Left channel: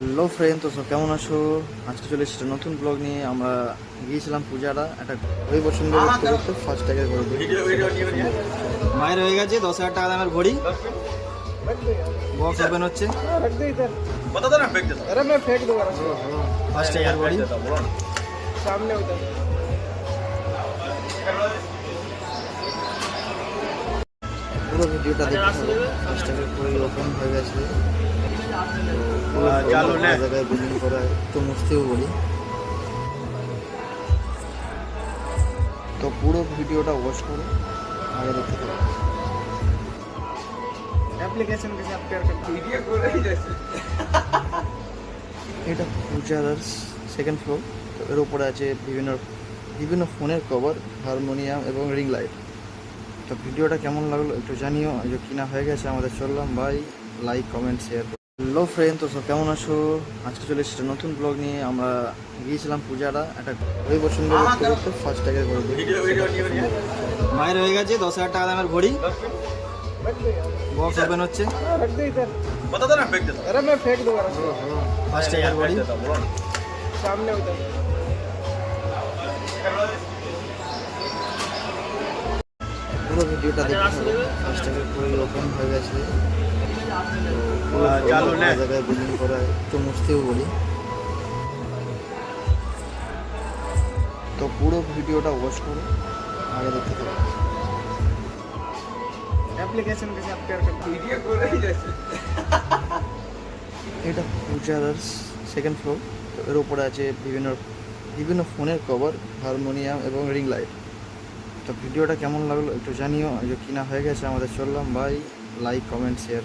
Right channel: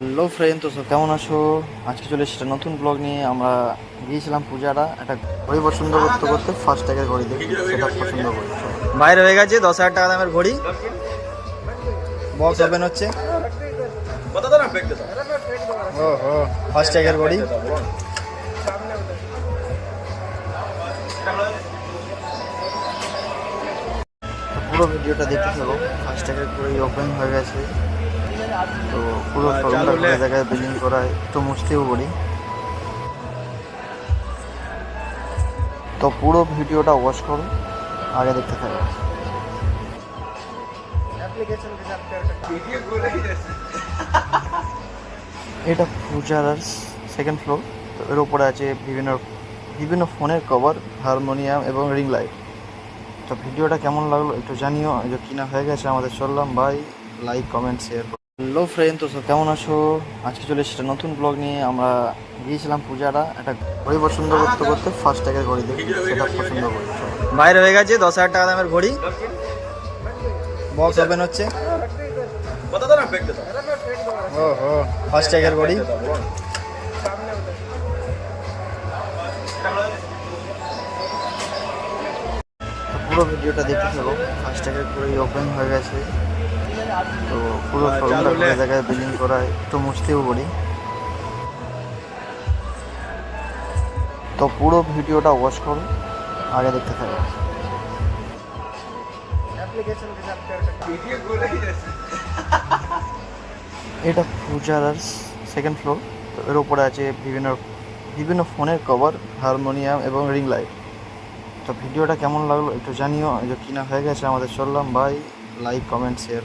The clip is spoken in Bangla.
হ্যালো ফ্রেন্ড, তো কেমন আছো? আজকে চলে এসেছে নতুন ব্লগ নিয়ে। আমরা গিয়েছিলাম পূজারা একটা ঘড়ি পছন্দ করতে করতে ফার্স্ট ট্যাগের ঘড়ি দেখি, সেটা পছন্দ করি। বাইরে হয়ে গেছে 10,000 টাকা দামের ঘড়ি, বক্স ওপেন হচ্ছে। ওহো, ফার্স্ট ট্যাগের ঘড়ি। পুরো ভিডিওটা দেখতে থাকো। ফার্স্ট ট্যাগের ঘড়ি ওপেন হয়ে গেছে, তো পুরো শোরুমটা ঘুরে জায়গায় বিল্ডিং করা, একটু মুছতেও বলি। তো পুরো ভিডিওটা ওয়াচ করো, আগে দেখতে থাকো। এটা পূজার সেকেন্ড ফ্লোর। তো এর উপরে আছে বিভিন্ন বিভিন্ন ফোনের কভার, হারমোনিয়াম এবং রিং লাইট। তো ভিডিওটা কেমন লাগলো একটু জানিও। এই যে কিনা হয়ে গেছে আমাদের, চললাম ভাই। Like comment share. Hello friend, তো কেমন আছো? আজকে চলে এসেছে নতুন ব্লগ নিয়ে। আমরা গিয়েছিলাম পূজারা একটা ঘড়ি পছন্দ করতে করতে ফার্স্ট ট্যাগের ঘড়ি দেখি, সেটা পছন্দ করি। বাইরে হয়ে গেছে 10,000 টাকা দামের ঘড়ি, বক্স ওপেন হচ্ছে। ওহো, ফার্স্ট ট্যাগের ঘড়ি। পুরো ভিডিওটা দেখতে থাকো। ফার্স্ট ট্যাগের ঘড়ি ওপেন হয়ে গেছে, তো পুরো শোরুমটা ঘুরে জায়গায় বিল্ডিং করা, একটু মুছতেও বলি। তো পুরো ভিডিওটা ওয়াচ করো, আগে দেখতে থাকো। এটা পূজার সেকেন্ড ফ্লোর। তো এর উপরে আছে বিভিন্ন বিভিন্ন ফোনের কভার, হারমোনিয়াম এবং রিং লাইট। তো ভিডিওটা কেমন লাগলো একটু জানিও। এই যে কিনা হয়ে গেছে আমাদের, চললাম ভাই। Like comment share.